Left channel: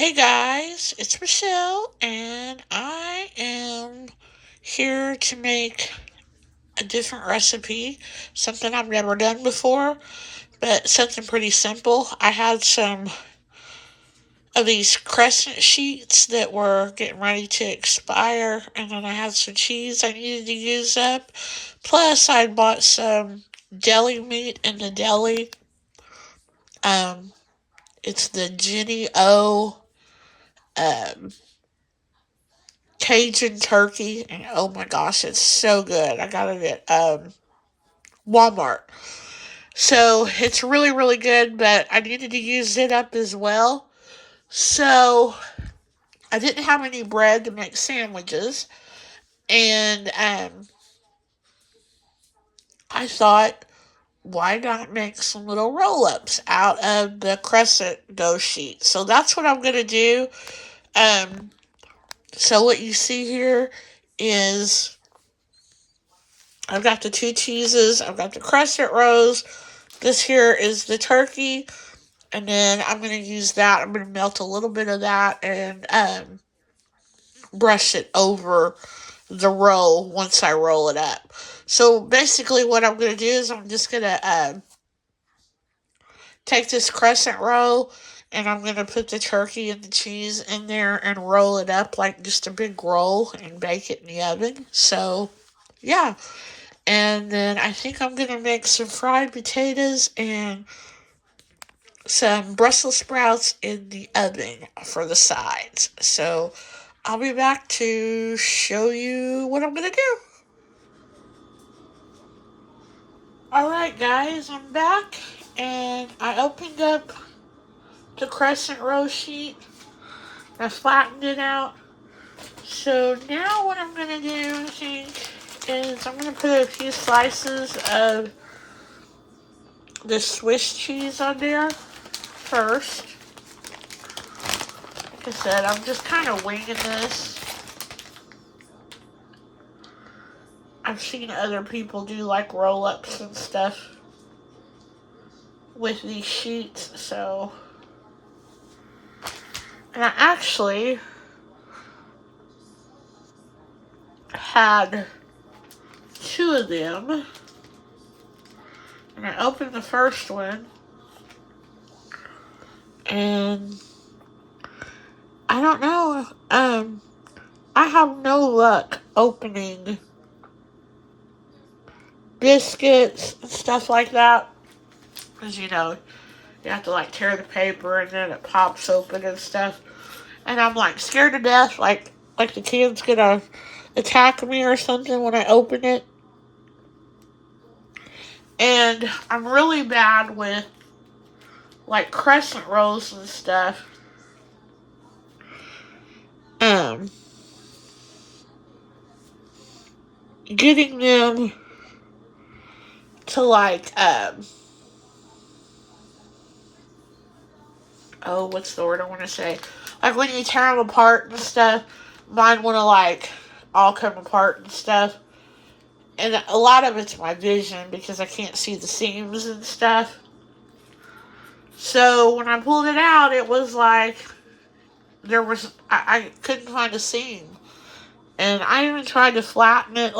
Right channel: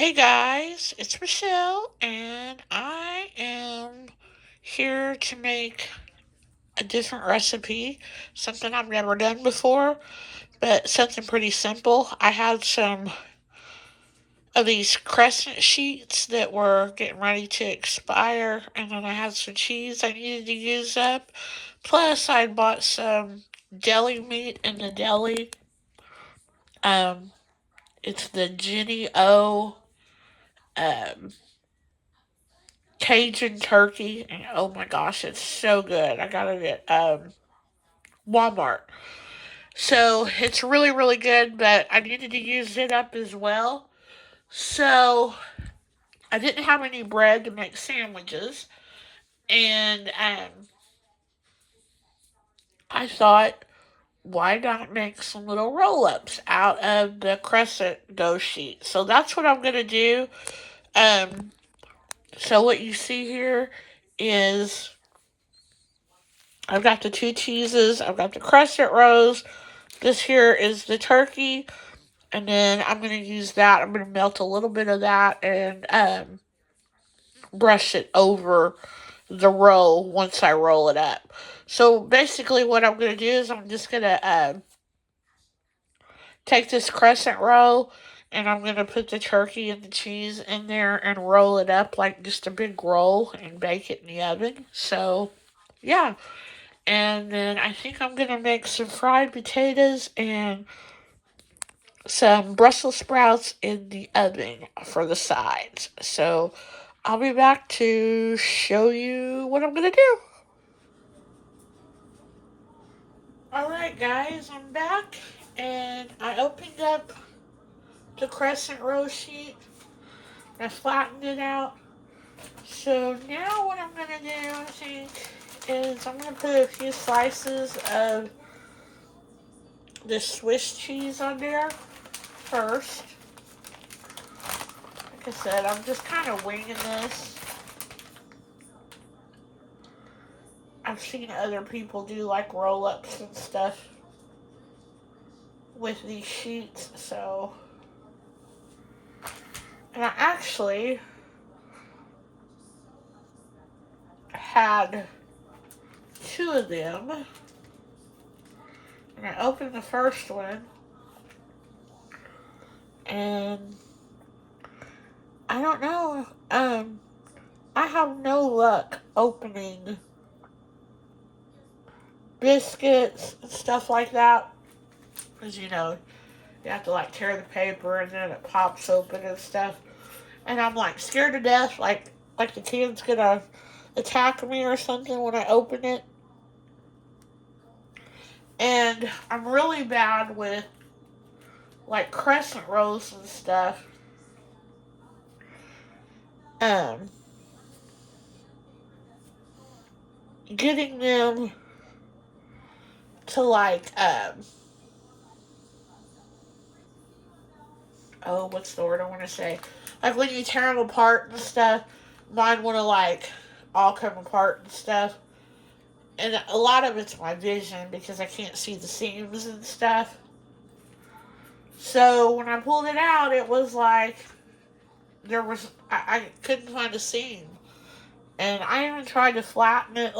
Hey guys, it's Michelle, and I am here to make a different recipe, something I've never done before, but something pretty simple. I had some of these crescent sheets that were getting ready to expire, and then I had some cheese I needed to use up. Plus, I bought some deli meat in the deli. Um, it's the Jenny O. Um, Cajun turkey, and oh my gosh, it's so good. I got it at Walmart. So it's really, really good, but I needed to use it up as well. So I didn't have any bread to make sandwiches, and I thought, why not make some little roll ups out of the crescent dough sheet? So that's what I'm gonna do. Um, so what you see here is I've got the two cheeses, I've got the crescent rolls. This here is the turkey, and then I'm going to use that. I'm going to melt a little bit of that and brush it over the roll once I roll it up. So basically, what I'm going to do is I'm just going to take this crescent roll and I'm going to put the turkey and the cheese in there and roll it up like just a big roll and bake it in the oven. So, yeah. And then I think I'm going to make some fried potatoes and some Brussels sprouts in the oven for the sides. So I'll be back to show you what I'm gonna do. Alright, guys, I'm back and I opened up the crescent roll sheet. I flattened it out. So now what I'm gonna do, I think, is I'm gonna put a few slices of the Swiss cheese on there first. Like I said, I'm just kind of winging this. I've seen other people do like roll ups and stuff with these sheets, so. And I actually had two of them, and I opened the first one, and I don't know, I have no luck opening biscuits and stuff like that, because you have to like tear the paper and then it pops open and stuff. And I'm like scared to death, like the kid's gonna attack me or something when I open it. And I'm really bad with like crescent rolls and stuff. Um, Getting them to like oh, what's the word I want to say? Like when you tear them apart and stuff, mine want to like all come apart and stuff. And a lot of it's my vision because I can't see the seams and stuff. So when I pulled it out, it was like I couldn't find a seam, and I even tried to flatten it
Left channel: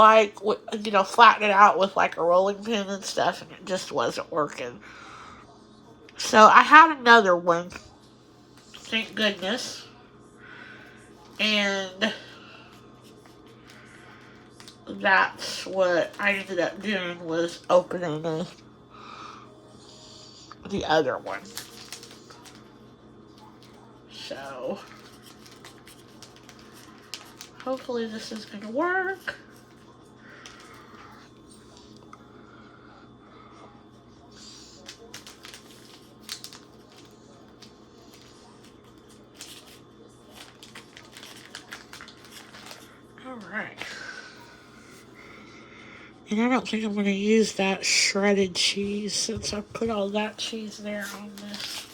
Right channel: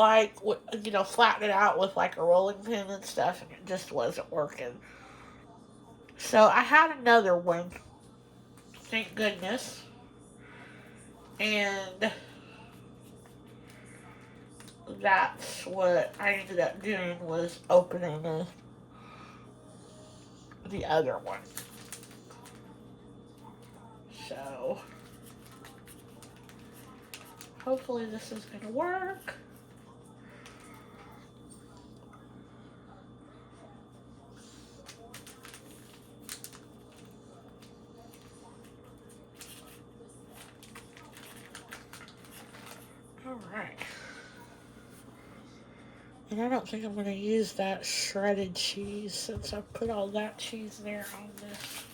flatten it out with like a rolling pin and stuff, and it just wasn't working. So I had another one, thank goodness, and that's what I ended up doing was opening the other one. So hopefully this is gonna work. All right. And I don't think I'm going to use that shredded cheese since I put all that cheese there on this.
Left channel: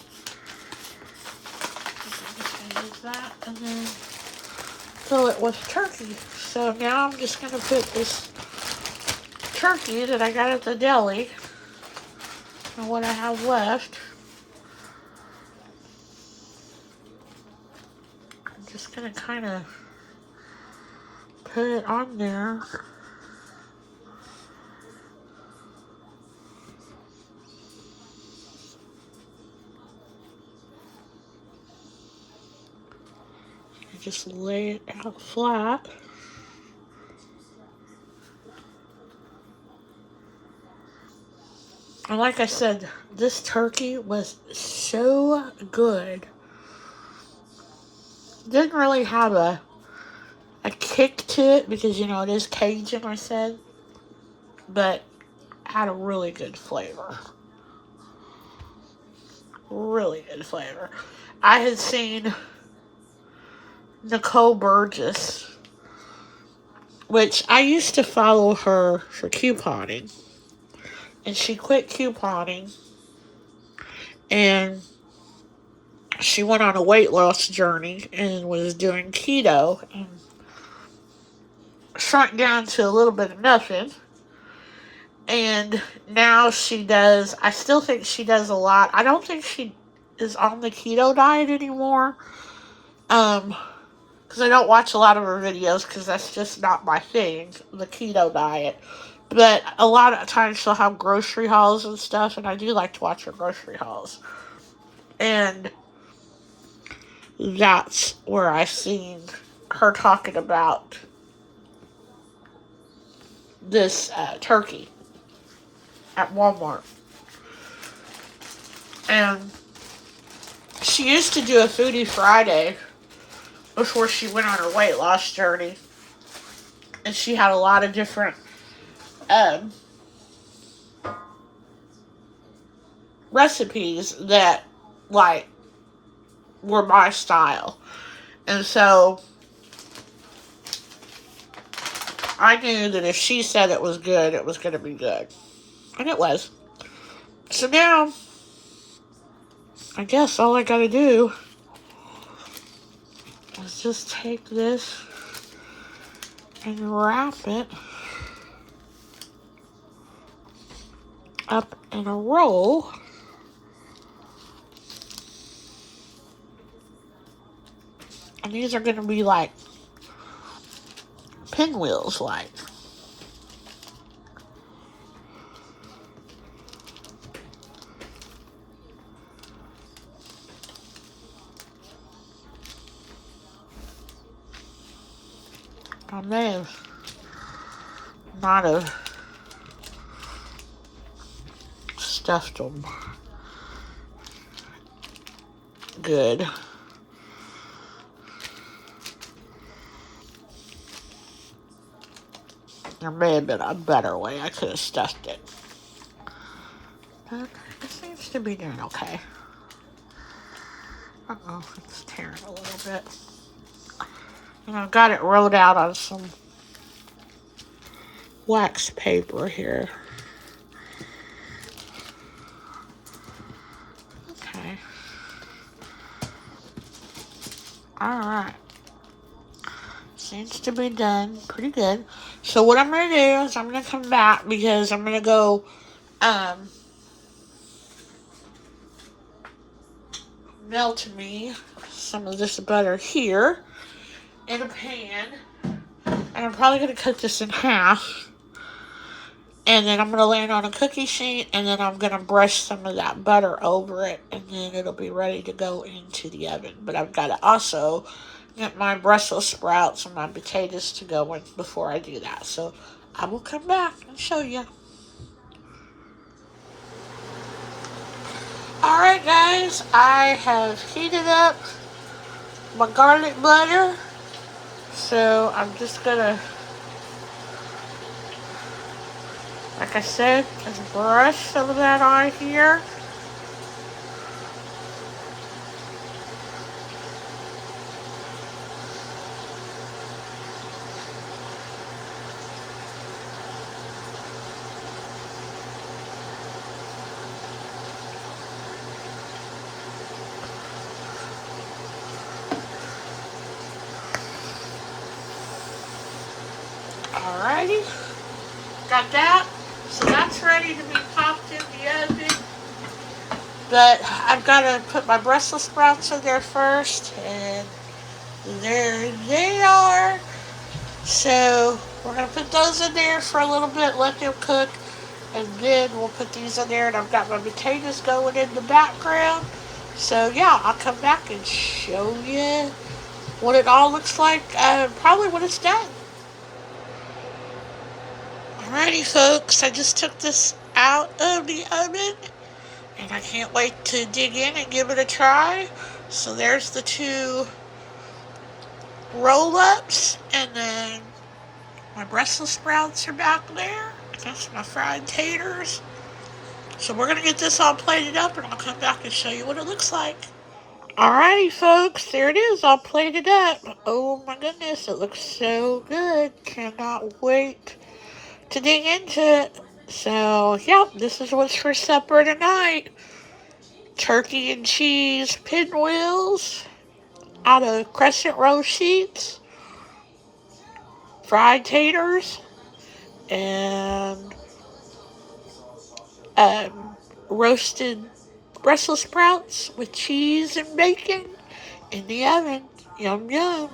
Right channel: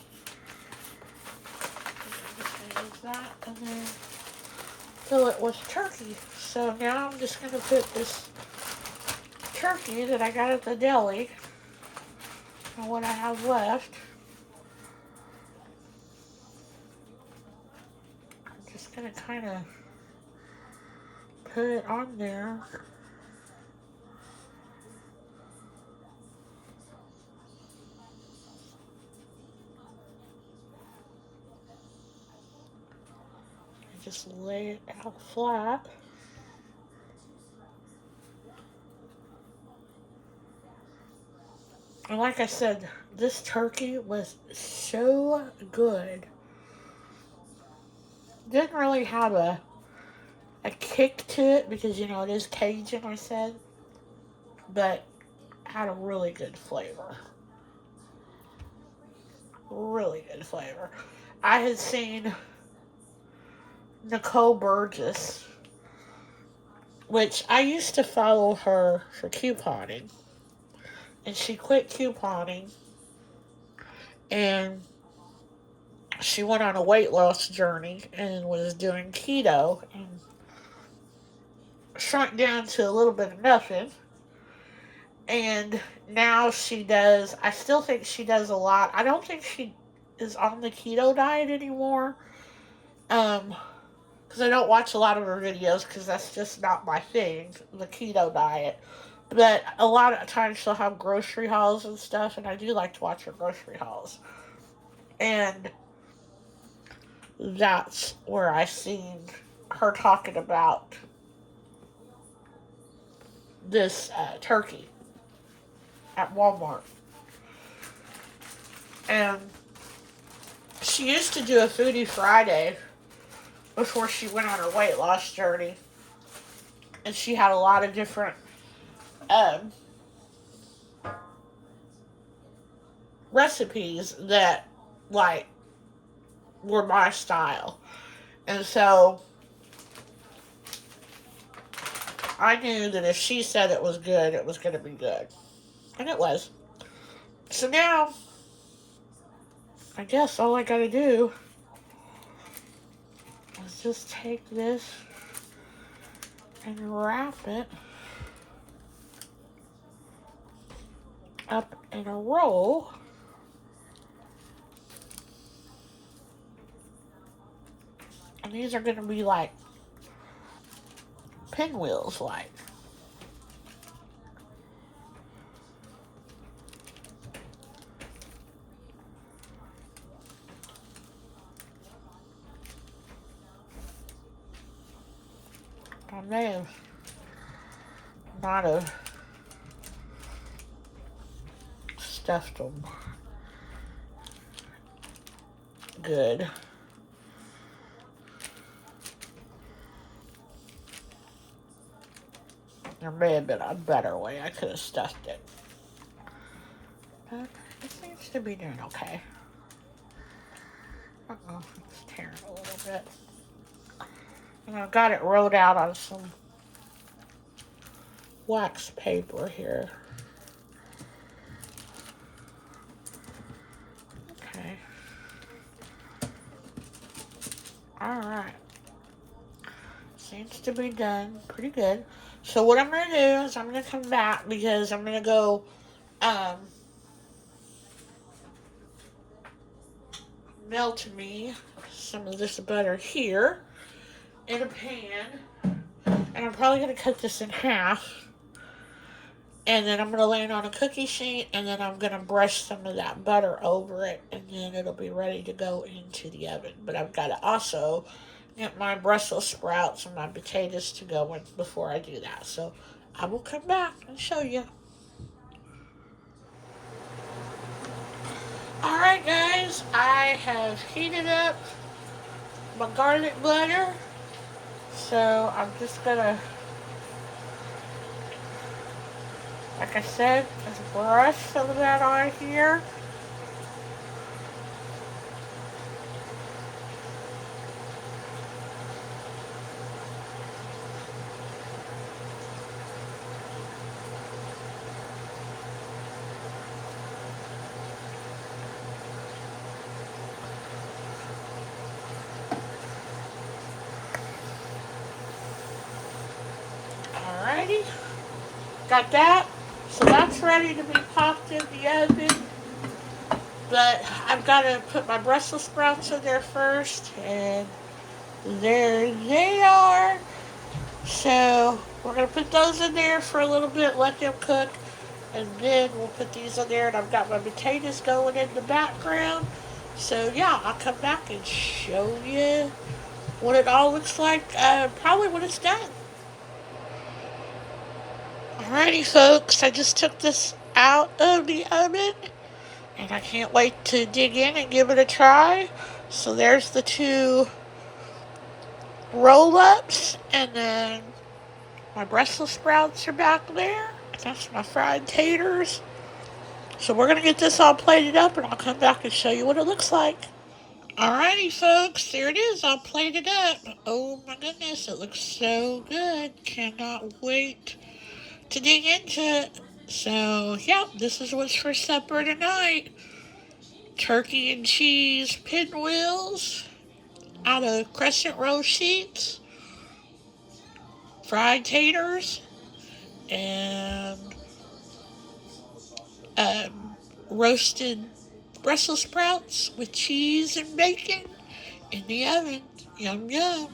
I'm going to use that and then fill it with turkey. So now I'm just going to put this turkey that I got at the deli and what I have left. gonna kind of put it on there. And just lay it out flat. And like I said, this turkey was so good. Didn't really have a kick to it because, you know, it is Cajun, I said. But had a really good flavor. Really good flavor. I had seen Nicole Burgess, which I used to follow her for couponing. And she quit couponing and she went on a weight loss journey and was doing keto and shrunk down to a little bit of nothing. And now she does, I still think she does a lot. I don't think she is on the keto diet anymore. Because I don't watch a lot of her videos because that's just not my thing, the keto diet. But a lot of times she'll have grocery hauls and stuff, and I do like to watch her grocery hauls. And that's where I seen her talking about this turkey at Walmart. And she used to do a Foodie Friday before she went on her weight loss journey. And she had a lot of different recipes that, like, were my style. And so I knew that if she said it was good, it was going to be good. And it was. So now, I guess all I got to do is just take this and wrap it up in a roll. And these are going to be like pinwheels, like. I may have not have stuffed them good. There may have been a better way I could have stuffed it. But it seems to be doing okay. Uh-oh, it's tearing a little bit. And I've got it rolled out on some wax paper here. Okay. Alright. Seems to be done pretty good. So what I'm going to do is I'm going to come back because I'm going to go melt me some of this butter here in a pan. And I'm probably going to cut this in half. And then I'm going to lay it on a cookie sheet. And then I'm going to brush some of that butter over it. And then it'll be ready to go into the oven. But I've got to also get my Brussels sprouts and my potatoes to go in before I do that. So I will come back and show you. Alright guys, I have heated up my garlic butter. So I'm just gonna, like I said, just brush some of that on here. Alrighty, got that. So that's ready to be popped in the oven. But I've got to put my Brussels sprouts in there first. And There they are. So we're going to put those in there for a little bit, let them cook, and then we'll put these in there. And I've got my potatoes going in the background. So yeah, I'll come back and show you what it all looks like probably when it's done. Alrighty folks, I just took this out of the oven and I can't wait to dig in and give it a try. So there's the two roll-ups, and then my Brussels sprouts are back there. That's my fried taters. So we're going to get this all plated up, and I'll come back and show you what it looks like. Alrighty, folks, there it is, all plated up. Oh my goodness, it looks so good. Cannot wait to dig into it. So, yeah, this is what's for supper tonight. Turkey and cheese pinwheels out of crescent roll sheets, fried taters, and roasted Brussels sprouts with cheese and bacon in the oven. Yum, yum.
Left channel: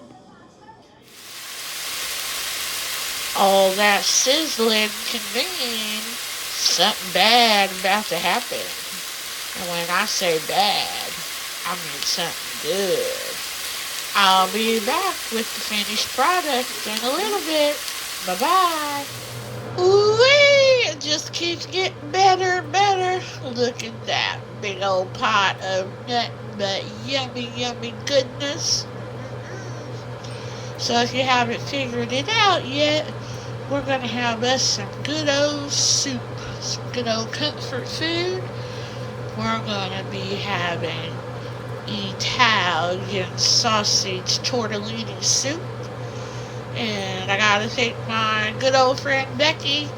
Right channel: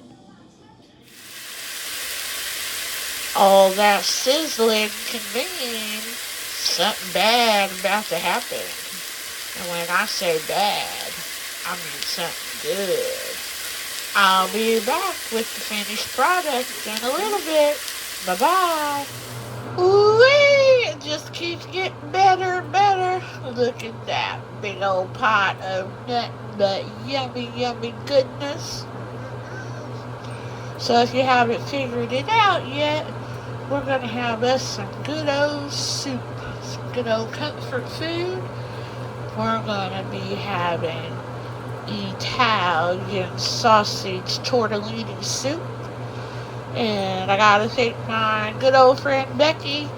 All that sizzling can mean something bad about to happen. And when I say bad, I mean something good. I'll be back with the finished product in a little bit. Bye-bye. Ooh-wee! It just keeps getting better and better. Look at that big old pot of nothing but yummy, yummy goodness. So if you haven't figured it out yet, we're going to have us some good old soup, some good old comfort food. We're going to be having Italian sausage tortellini soup. And I got to thank my good old friend Becky,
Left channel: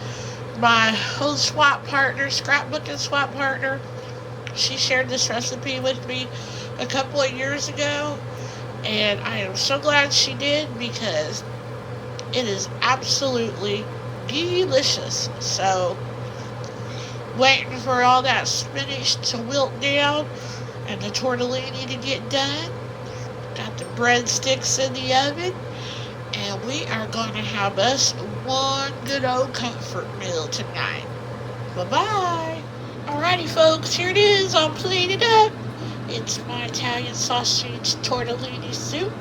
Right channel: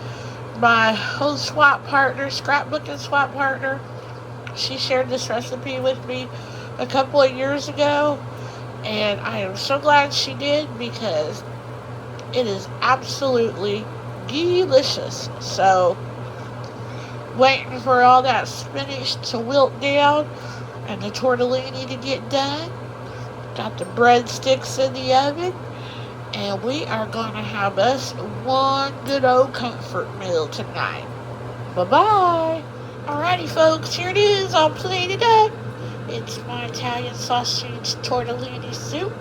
my old swap partner, scrapbooking swap partner. She shared this recipe with me a couple of years ago, and I am so glad she did because it is absolutely delicious. So, waiting for all that spinach to wilt down and the tortellini to get done. Got the breadsticks in the oven, and we are going to have us one good old comfort meal tonight. Bye-bye. Alrighty, folks, here it is, all plated up. It's my Italian sausage tortellini soup,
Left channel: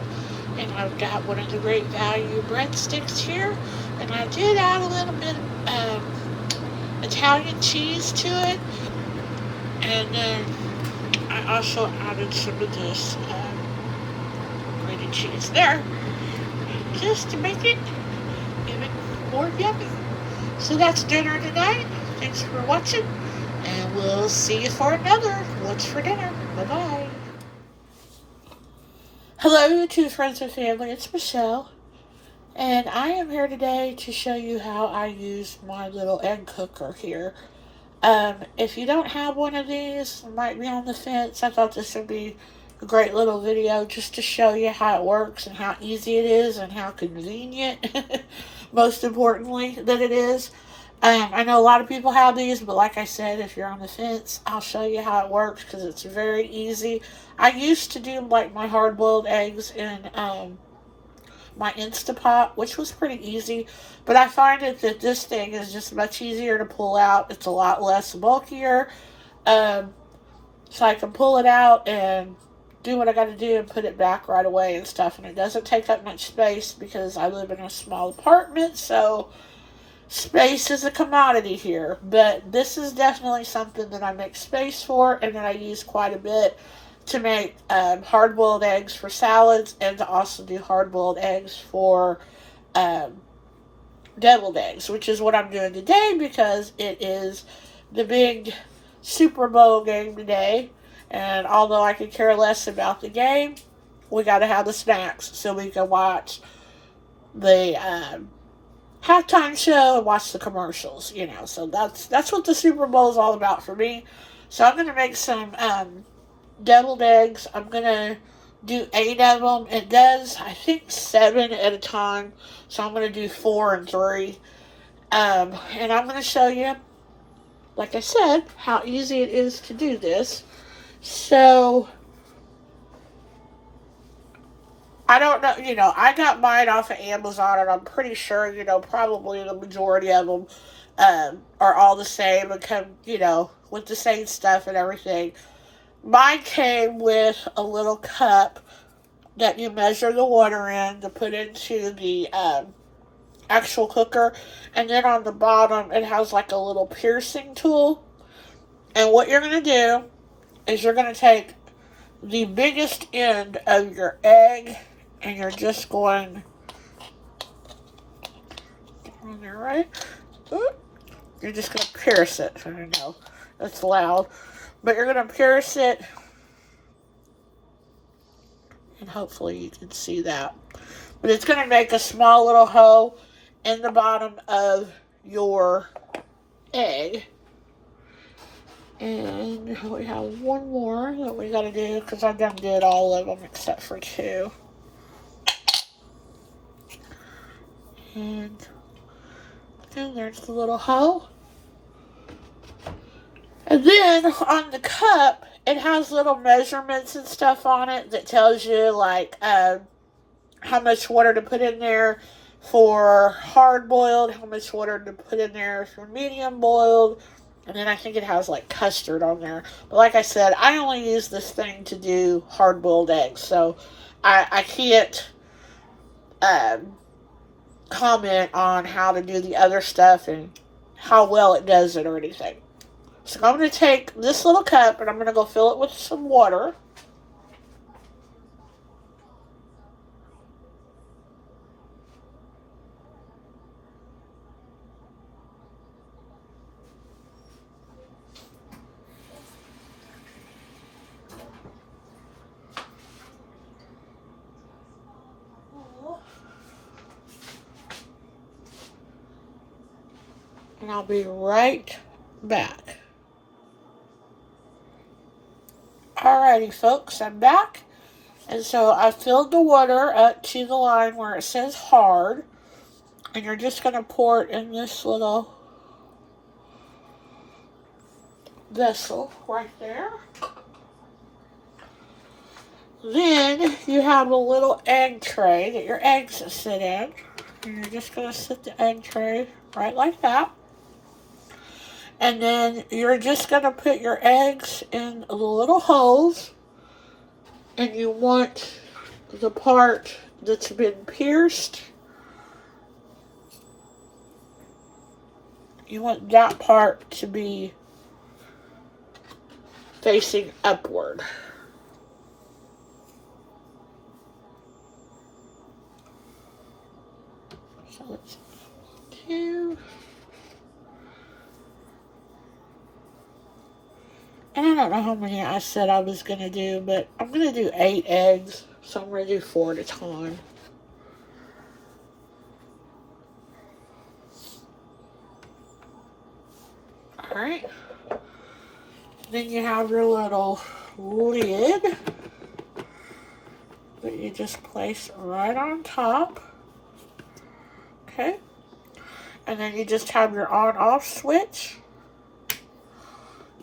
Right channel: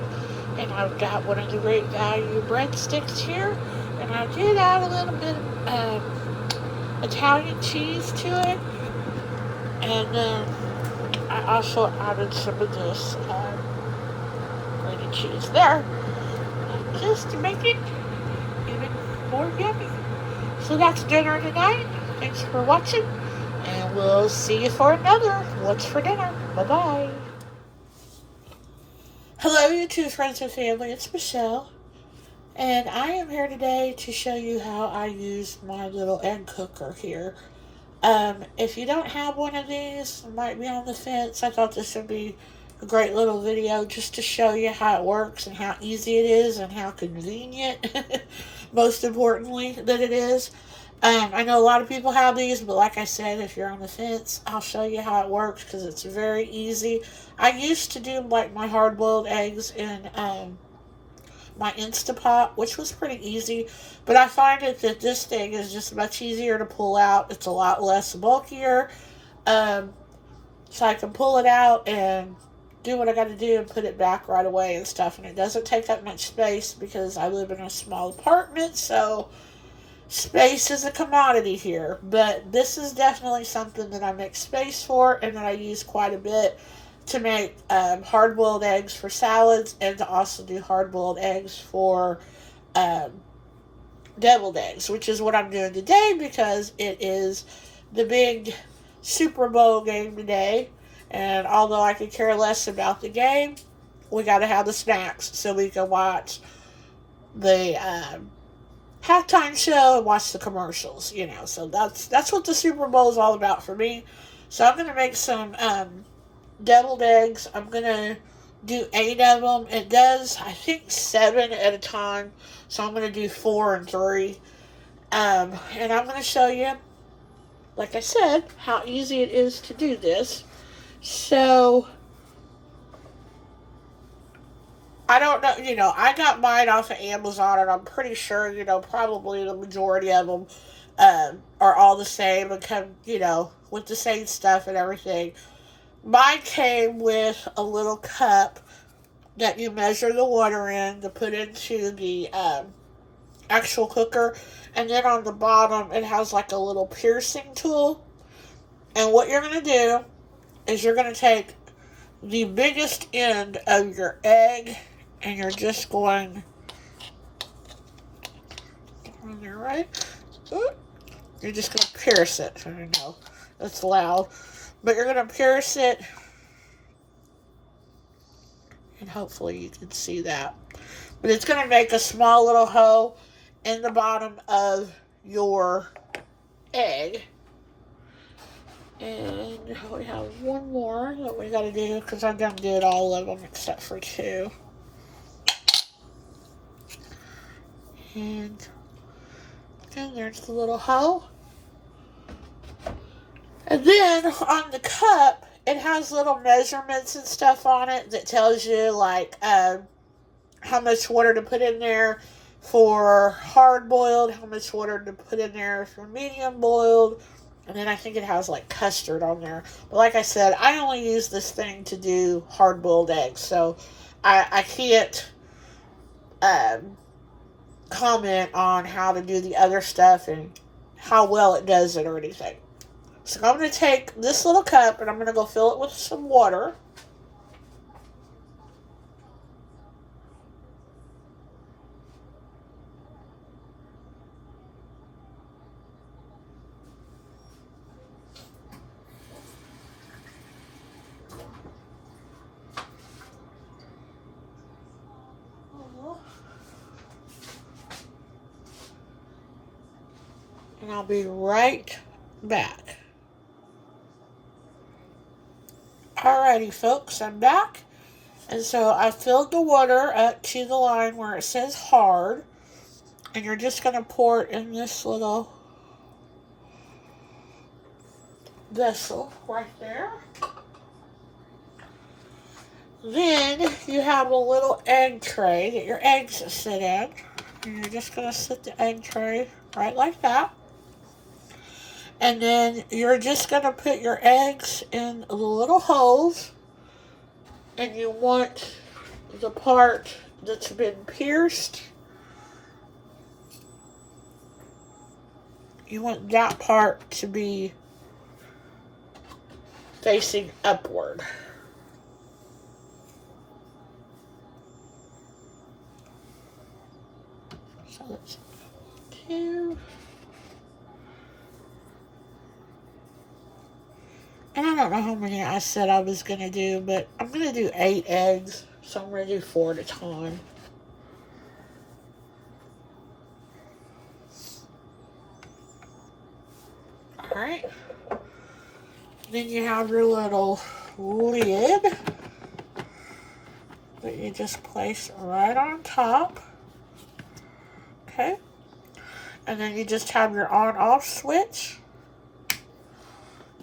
and I've got one of the Great Value breadsticks here, and I did add a little bit of Italian cheese to it, and then I also added some of this grated cheese there, just to make it even more yummy. So that's dinner tonight. Thanks for watching, and we'll see you for another What's for Dinner. Bye-bye. Hello, YouTube friends and family. It's Michelle, and I am here today to show you how I use my little egg cooker here. If you don't have one of these, might be on the fence, I thought this would be a great little video just to show you how it works and how easy it is and how convenient, most importantly, that it is. I know a lot of people have these, but like I said, if you're on the fence, I'll show you how it works because it's very easy. I used to do like my hard-boiled eggs in my Instapot, which was pretty easy, but I find that this thing is just much easier to pull out. It's a lot less bulkier, so I can pull it out and do what I got to do and put it back right away and stuff, and it doesn't take up much space because I live in a small apartment, so space is a commodity here. But this is definitely something that I make space for and that I use quite a bit to make hard-boiled eggs for salads, and to also do hard-boiled eggs for deviled eggs, which is what I'm doing today because it is the big Super Bowl game today, and although I could care less about the game, we got to have the snacks so we can watch the halftime show and watch the commercials, so that's what the Super Bowl is all about for me. So I'm going to make some deviled eggs. I'm going to do 8 of them. It does, I think, 7 at a time, so I'm going to do 4 and 3. And I'm going to show you, like I said, how easy it is to do this. So I don't know, I got mine off of Amazon, and I'm pretty sure, probably the majority of them are all the same and come, with the same stuff and everything. Mine came with a little cup that you measure the water in to put into the actual cooker, and then on the bottom it has like a little piercing tool. And what you're going to do is you're going to take the biggest end of your egg, and you're just going on there, right? You're just going to pierce it. I don't know, it's loud, but you're going to pierce it, and hopefully you can see that. But it's going to make a small little hole in the bottom of your egg. And we have one more that we gotta do, because I've done did all of them except for two. And then there's the little hole. And then on the cup, it has little measurements and stuff on it that tells you like how much water to put in there for hard boiled, how much water to put in there for medium boiled, and then I think it has like custard on there. But like I said, I only use this thing to do hard boiled eggs, so I can't comment on how to do the other stuff and how well it does it or anything. So I'm going to take this little cup and I'm going to go fill it with some water. And I'll be right back. Alrighty, folks, I'm back. And so I filled the water up to the line where it says hard. And you're just going to pour it in this little vessel right there. Then you have a little egg tray that your eggs sit in. And you're just going to sit the egg tray right like that. And then you're just going to put your eggs in the little holes. And you want the part that's been pierced, you want that part to be facing upward. So let's do. And I don't know how many I said I was going to do, but I'm going to do 8 eggs. So I'm going to do 4 at a time. Alright. Then you have your little lid that you just place right on top. Okay. And then you just have your on-off switch.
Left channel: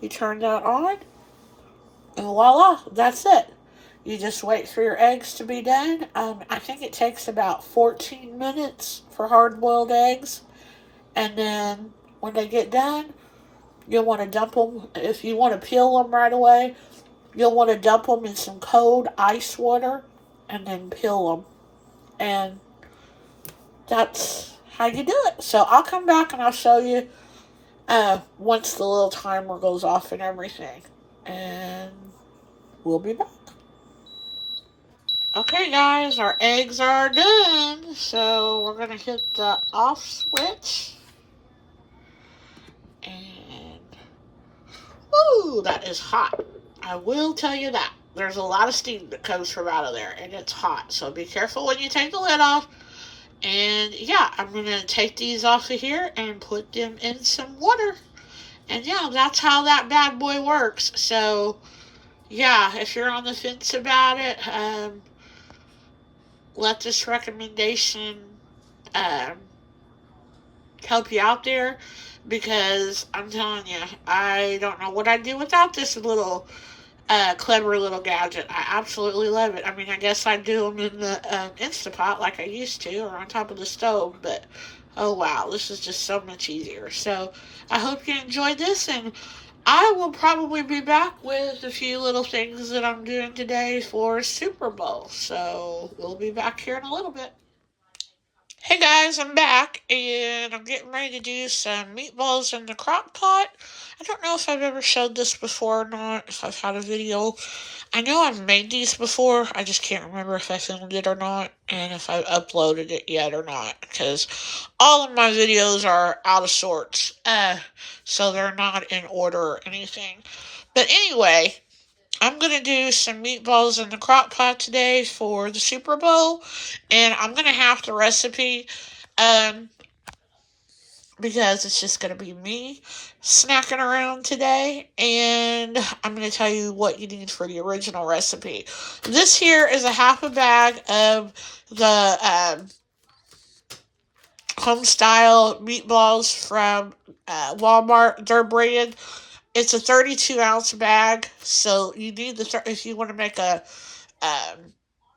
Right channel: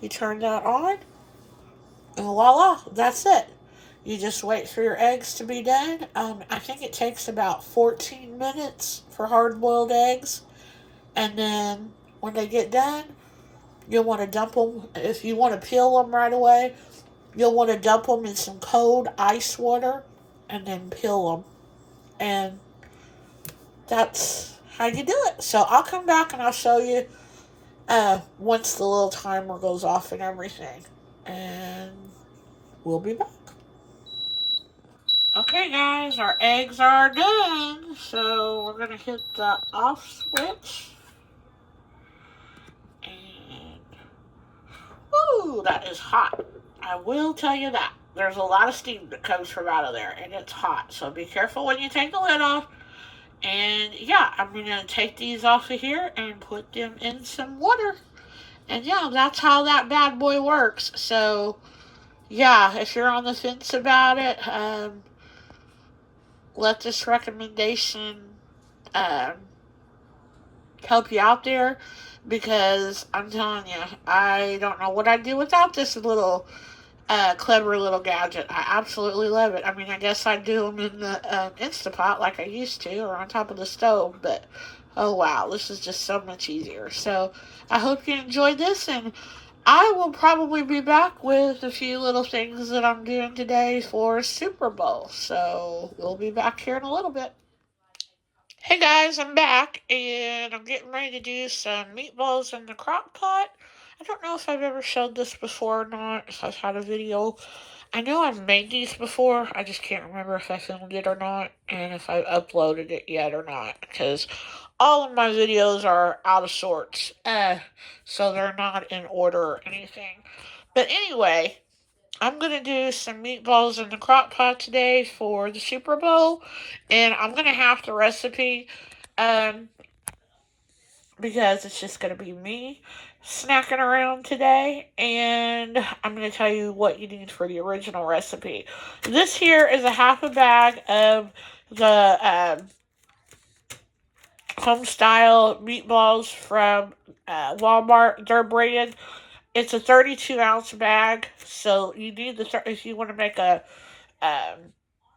You turn that on, and voila, that's it. You just wait for your eggs to be done. I think it takes about 14 minutes for hard-boiled eggs. And then when they get done, you'll want to dump them. If you want to peel them right away, you'll want to dump them in some cold ice water and then peel them. And that's how you do it. So I'll come back and I'll show you once the little timer goes off and everything. And we'll be back. Okay, guys, our eggs are done. So we're going to hit the off switch. And, woo, that is hot. I will tell you that. There's a lot of steam that comes from out of there, and it's hot. So be careful when you take the lid off. And yeah, I'm going to take these off of here and put them in some water. And yeah, that's how that bad boy works. So yeah, if you're on the fence about it, let this recommendation help you out there. Because I'm telling you, I don't know what I'd do without this little clever little gadget. I absolutely love it. I mean, I guess I do them in the Instapot like I used to, or on top of the stove, but oh wow, this is just so much easier. So I hope you enjoyed this, and I will probably be back with a few little things that I'm doing today for Super Bowl. So we'll be back here in a little bit. Hey guys, I'm back and I'm getting ready to do some meatballs in the crock pot. I don't know if I've ever showed this before or not, if I've had a video. I know I've made these before, I just can't remember if I filmed it or not, and if I've uploaded it yet or not, because all of my videos are out of sorts, so they're not in order or anything. But anyway, I'm going to do some meatballs in the crock pot today for the Super Bowl, and I'm going to have the recipe um, because it's just going to be me snacking around today, and I'm going to tell you what you need for the original recipe. This here is a half a bag of the home style meatballs from Walmart. They're branded. It's a 32-ounce bag, so you need if you want to make um,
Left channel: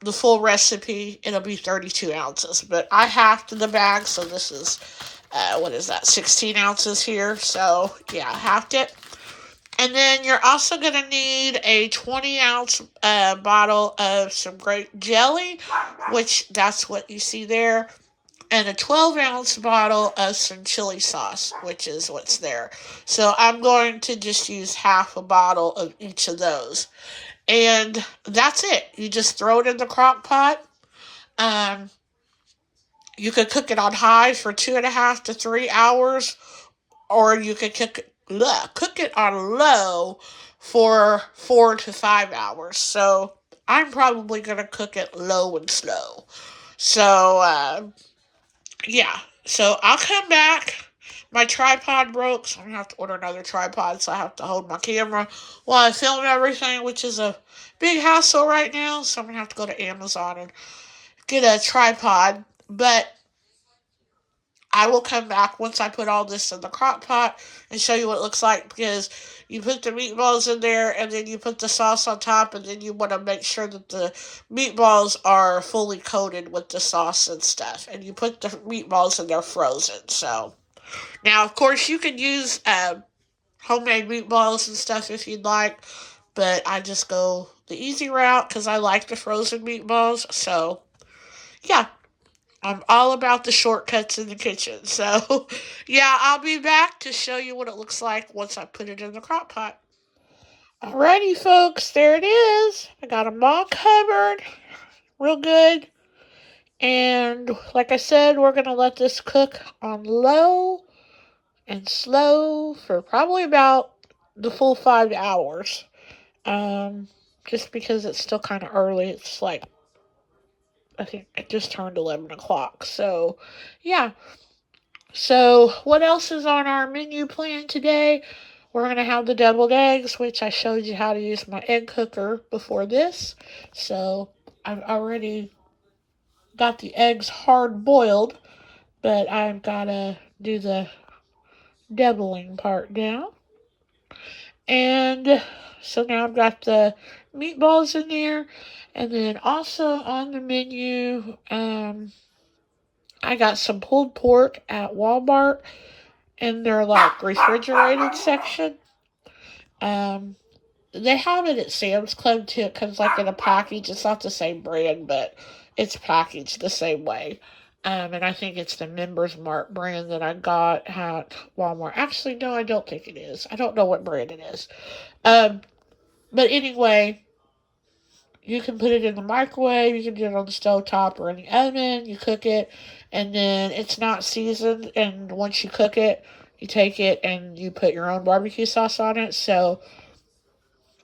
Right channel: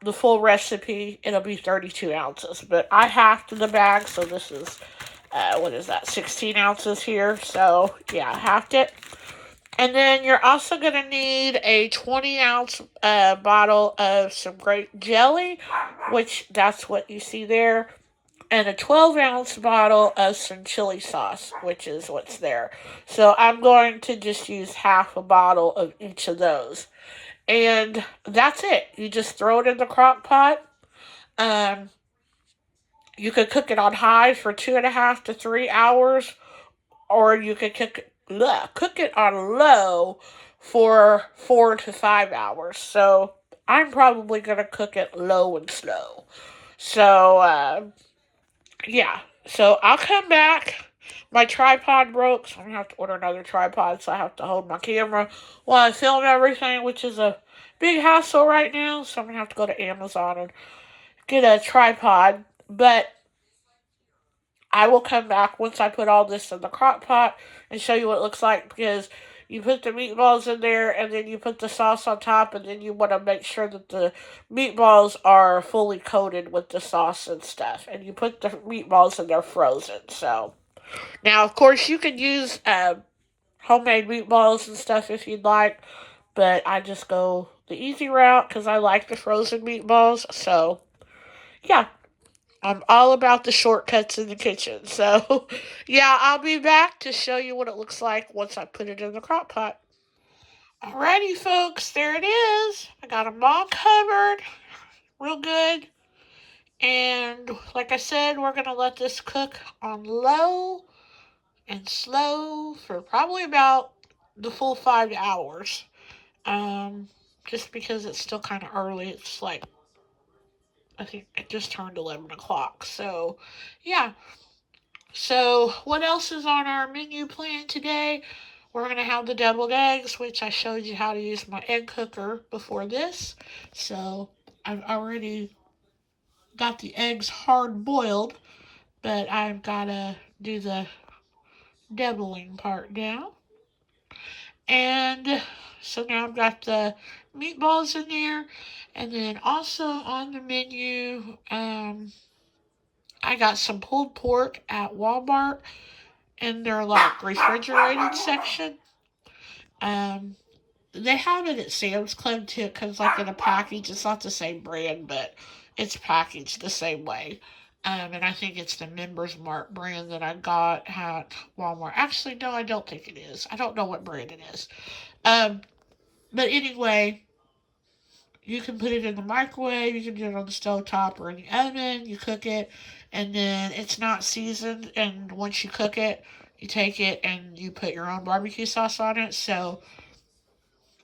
the full recipe, it'll be 32 ounces. But I halved the bag, so this is, what is that, 16 ounces here. So, yeah, I halved it. And then you're also going to need a 20-ounce bottle of some grape jelly, which that's what you see there. And a 12-ounce bottle of some chili sauce, which is what's there. So I'm going to just use half a bottle of each of those. And that's it. You just throw it in the crock pot. Um, you could cook it on high for 2.5 to 3 hours, or you could cook it on low for 4 to 5 hours. So I'm probably gonna cook it low and slow. So yeah. So I'll come back. My tripod broke, so I'm gonna have to order another tripod. So I have to hold my camera while I film everything, which is a big hassle right now. So I'm gonna have to go to Amazon and get a tripod. But I will come back once I put all this in the crock pot and show you what it looks like, because you put the meatballs in there and then you put the sauce on top, and then you want to make sure that the meatballs are fully coated with the sauce and stuff, and you put the meatballs in there frozen. So now, of course, you can use homemade meatballs and stuff if you'd like, but I just go the easy route because I like the frozen meatballs. So yeah, I'm all about the shortcuts in the kitchen. So, yeah, I'll be back to show you what it looks like once I put it in the crock pot. Alrighty, folks, there it is. I got them all covered real good. And like I said, we're going to let this cook on low and slow for probably about the full 5 hours. Um, just because it's still kind of early. It's like, I think it just turned 11 o'clock. So, yeah. So, what else is on our menu plan today? We're going to have the deviled eggs, which I showed you how to use my egg cooker before this. So, I've already got the eggs hard boiled, but I've got to do the deviling part now. And so now I've got the meatballs in there. And then also on the menu, I got some pulled pork at Walmart in their like refrigerated section. Um, they have it at Sam's Club too. It comes like in a package. It's not the same brand, but it's packaged the same way. And I think it's the Members Mark brand that I got at Walmart. Actually, no, I don't think it is. I don't know what brand it is. Um, but anyway, you can put it in the microwave. You can do it on the stove top or in the oven. You cook it, and then it's not seasoned. And once you cook it, you take it and you put your own barbecue sauce on it. So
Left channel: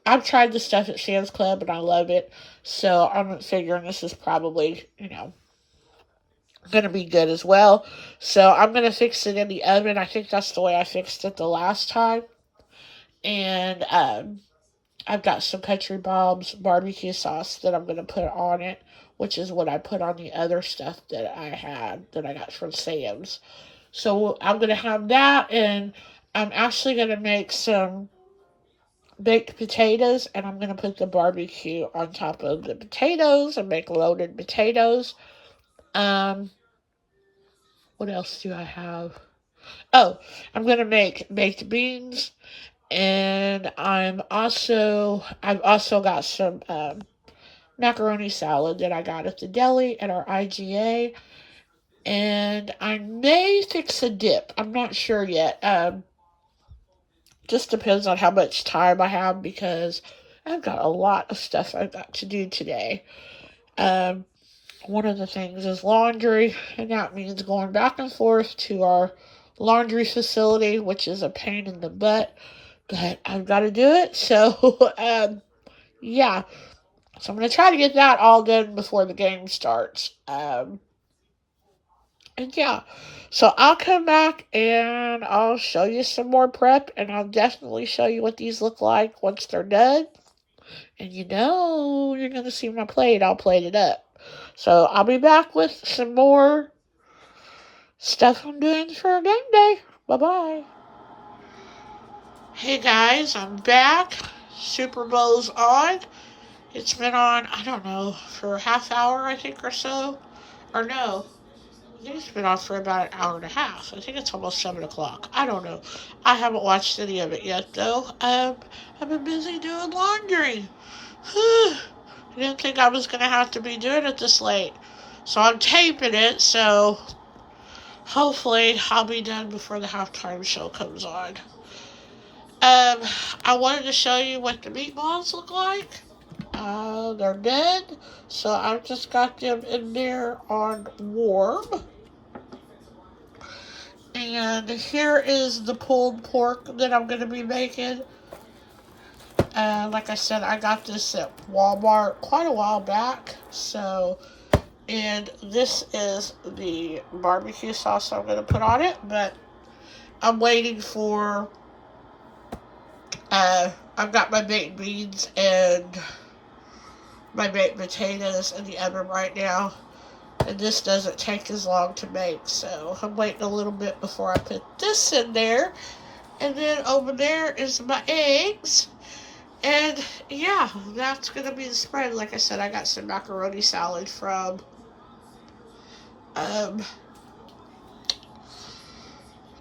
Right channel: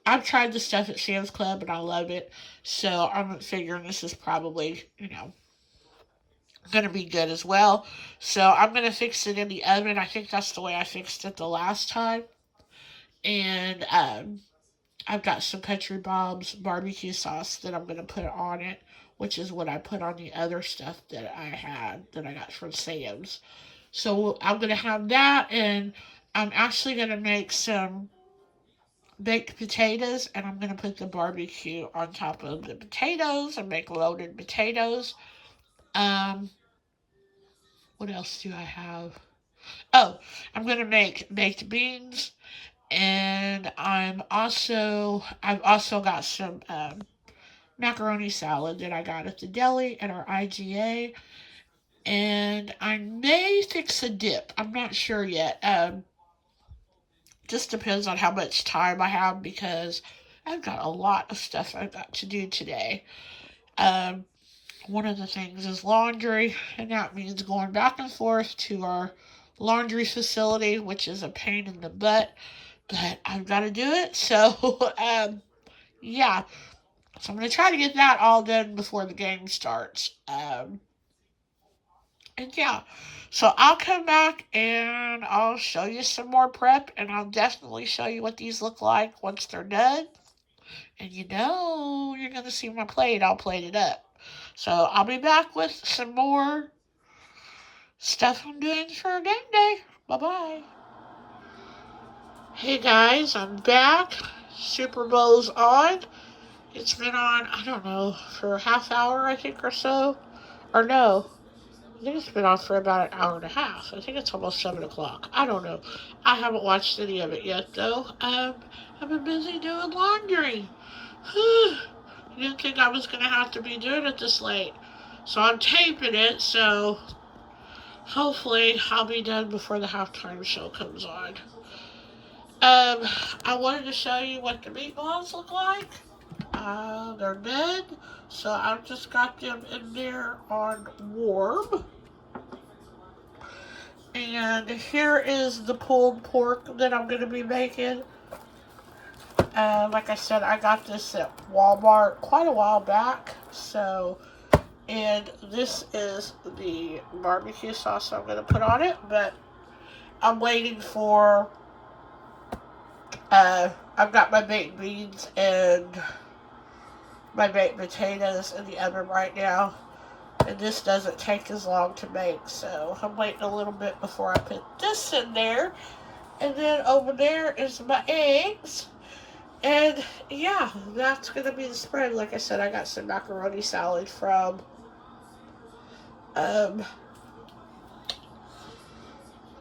I've tried the stuff at Sam's Club and I love it. So I'm figuring this is probably, going to be good as well. So I'm going to fix it in the oven. I think that's the way I fixed it the last time. And I've got some Country Bob's barbecue sauce that I'm going to put on it, which is what I put on the other stuff that I had that I got from Sam's. So I'm going to have that, and I'm actually going to make some baked potatoes, and I'm going to put the barbecue on top of the potatoes and make loaded potatoes. Um, what else do I have? Oh, I'm going to make baked beans, and I've also got some macaroni salad that I got at the deli at our IGA, and I may fix a dip. I'm not sure yet. Just depends on how much time I have because I've got a lot of stuff I've got to do today. Um, One of the things is laundry, and that means going back and forth to our laundry facility, which is a pain in the butt, but I've got to do it. So, yeah. So I'm going to try to get that all done before the game starts. And yeah, so I'll come back and I'll show you some more prep, and I'll definitely show you what these look like once they're done. And you're going to see my plate. I'll plate it up. So I'll be back with some more stuff I'm doing for game day. Bye bye. Hey guys, I'm back. Super Bowl's on. It's been on, I don't know, for a half hour, I think, or so. Or no, I think it's been on for about an hour and a half. I think it's almost 7 o'clock. I don't know. I haven't watched any of it yet, though. I've been busy doing laundry. I didn't think I was going to have to be doing it this late. So I'm taping it, so hopefully I'll be done before the halftime show comes on. I wanted to show you what the meatballs look like. They're dead, so I've just got them in there on warm. And here is the pulled pork that I'm going to be making. Like I said, I got this at Walmart quite a while back. And this is the barbecue sauce I'm going to put on it. But I'm waiting for, I've got my baked beans and my baked potatoes in the oven right now. And this doesn't take as long to make, so I'm waiting a little bit before I put this in there. And then over there is my eggs. And yeah, that's going to be the spread. Like I said, I got some macaroni salad from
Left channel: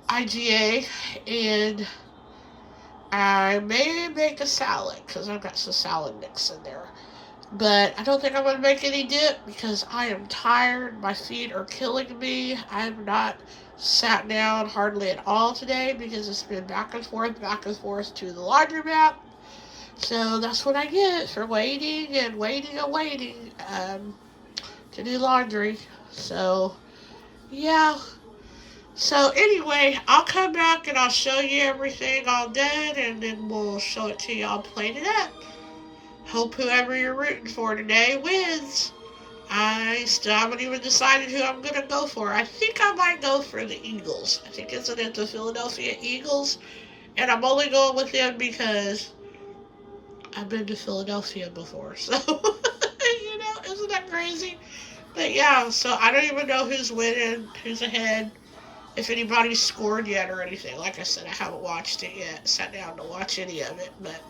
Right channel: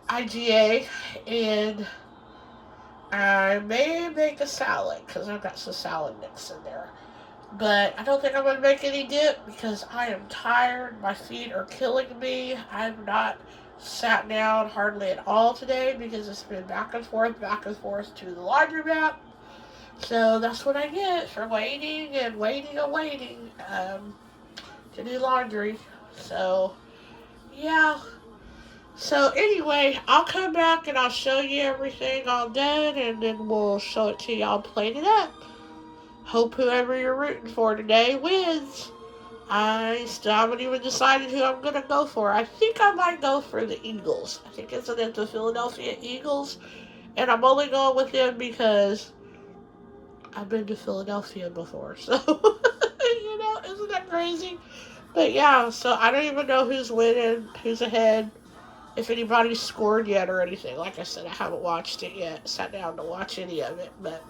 IGA. And I may make a salad because I've got some salad mix in there. But I don't think I'm going to make any dip because I am tired. My feet are killing me. I have not sat down hardly at all today because it's been back and forth to the laundromat. So that's what I get for waiting and waiting and waiting to do laundry. So, yeah. So anyway, I'll come back and I'll show you everything all done, and then we'll show it to y'all plated up. Hope whoever you're rooting for today wins. I still haven't even decided who I'm going to go for. I think I might go for the Eagles. I think it's the Philadelphia Eagles. And I'm only going with them because I've been to Philadelphia before. So, isn't that crazy? But yeah, so I don't even know who's winning, who's ahead, if anybody's scored yet or anything. Like I said, I haven't watched it yet, sat down to watch any of it, but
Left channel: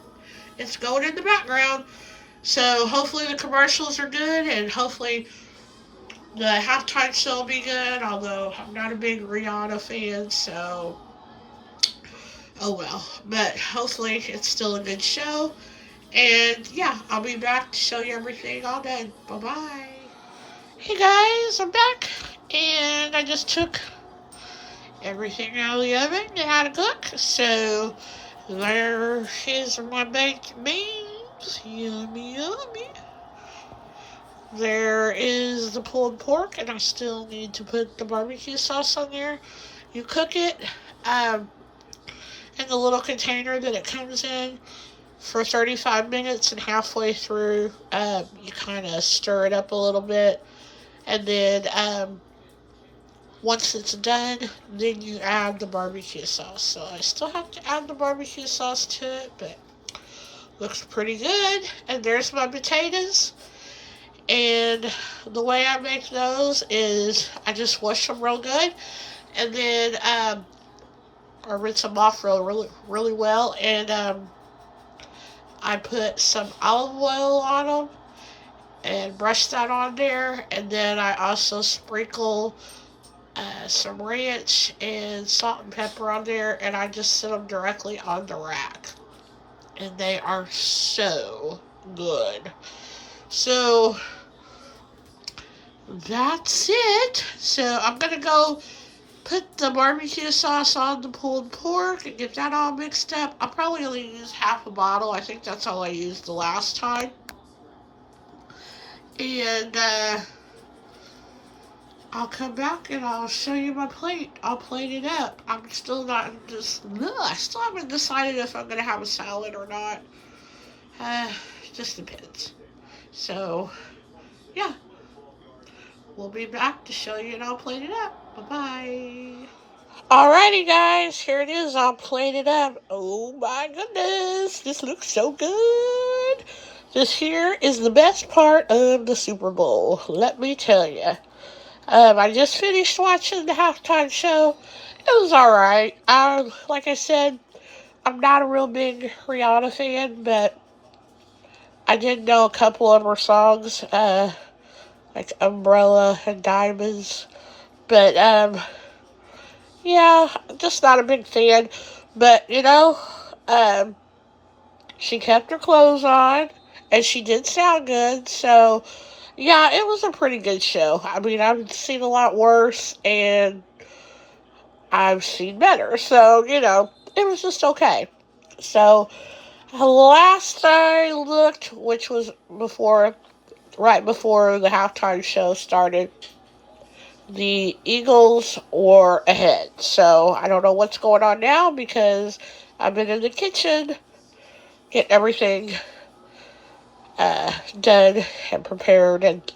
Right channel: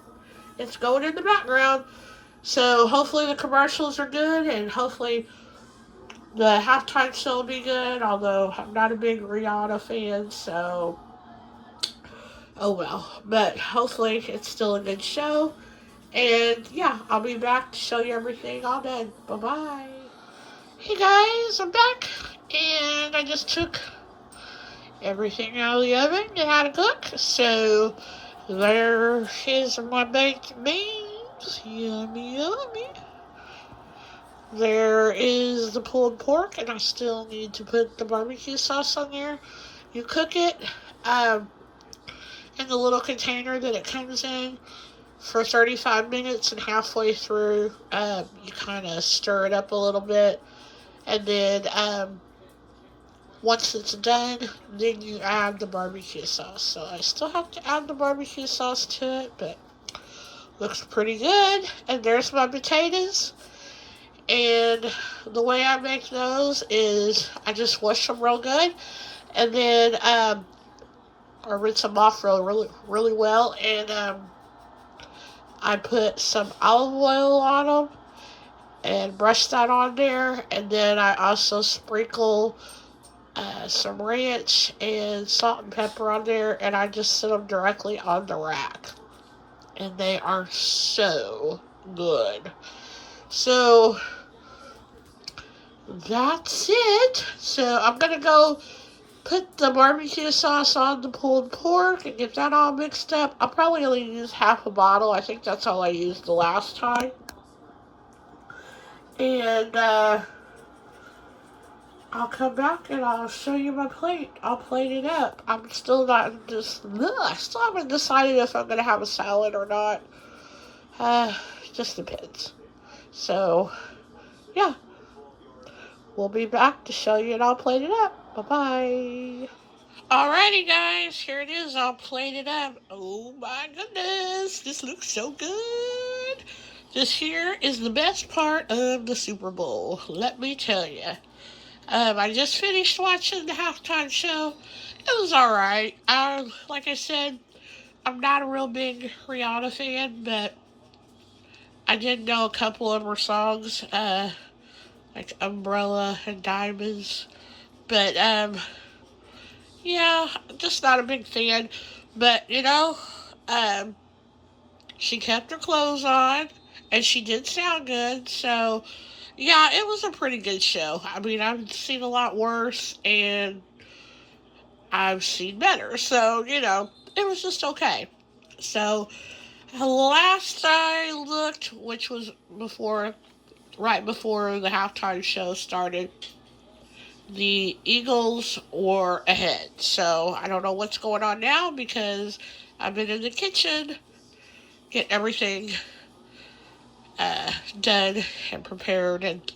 it's going in the background. So hopefully the commercials are good, and hopefully the halftime show will be good, although I'm not a big Rihanna fan, so oh well. But hopefully it's still a good show. And yeah, I'll be back to show you everything all done. Bye-bye. Hey guys, I'm back. And I just took everything out of the oven to how to cook. So there is my baked beans. Yummy, yummy. There is the pulled pork, and I still need to put the barbecue sauce on there. You cook it in the little container that it comes in for 35 minutes, and halfway through, you kind of stir it up a little bit. And then once it's done, then you add the barbecue sauce. So I still have to add the barbecue sauce to it, but looks pretty good. And there's my potatoes. And the way I make those is I just wash them real good, and then I rinse them off really well, and I put some olive oil on them and brush that on there. And then I also sprinkle some ranch and salt and pepper on there. And I just set them directly on the rack. And they are so good. So that's it. So I'm going to go put the barbecue sauce on the pulled pork and get that all mixed up. I'll probably only use half a bottle. I think that's all I used the last time. And I'll come back and I'll show you my plate. I'll plate it up. I'm still not just. I still haven't decided if I'm gonna have a salad or not. Just depends. So, yeah, we'll be back to show you and I'll plate it up. Bye bye. Alrighty, guys, here it is. I'll plate it up. Oh my goodness, this looks so good. This here is the best part of the Super Bowl. Let me tell you. I just finished watching the halftime show. It was alright. Like I said, I'm not a real big Rihanna fan, but I did know a couple of her songs, like Umbrella and Diamonds. But, yeah, just not a big fan. But, she kept her clothes on, and she did sound good, so yeah, it was a pretty good show. I mean, I've seen a lot worse, and I've seen better, so, it was just okay. So, last I looked, which was right before the halftime show started, the Eagles were ahead. So, I don't know what's going on now because I've been in the kitchen getting everything done and prepared and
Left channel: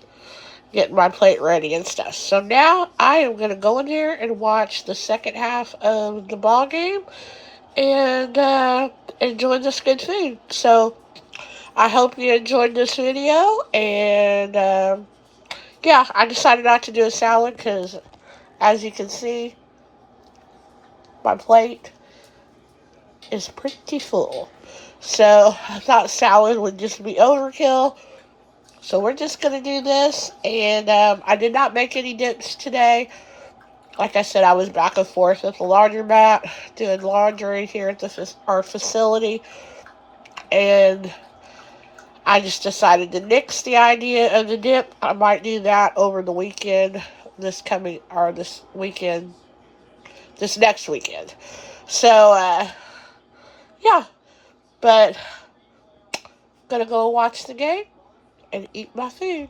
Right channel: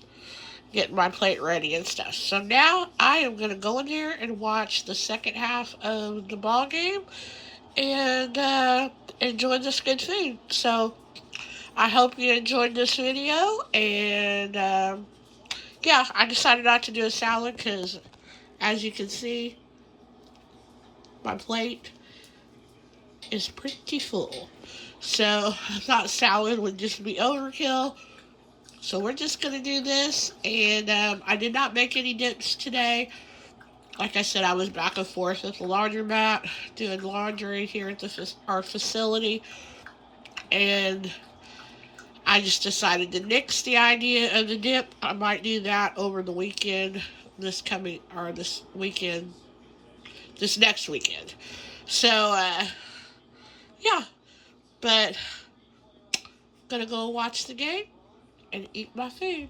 getting my plate ready and stuff. So now I am going to go in there and watch the second half of the ball game and enjoy this good food. So I hope you enjoyed this video. And yeah, I decided not to do a salad because, as you can see, my plate is pretty full. So I thought salad would just be overkill. So we're just going to do this. And I did not make any dips today. Like I said, I was back and forth at the laundromat doing laundry here at our facility. And I just decided to nix the idea of the dip. I might do that over the weekend, this weekend, this next weekend. So, yeah. But, gonna go watch the game and eat my food.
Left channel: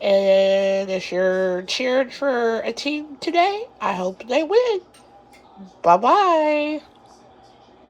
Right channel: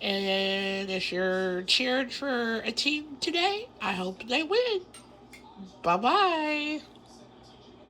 And if you're cheering for a team today, I hope they win. Bye-bye.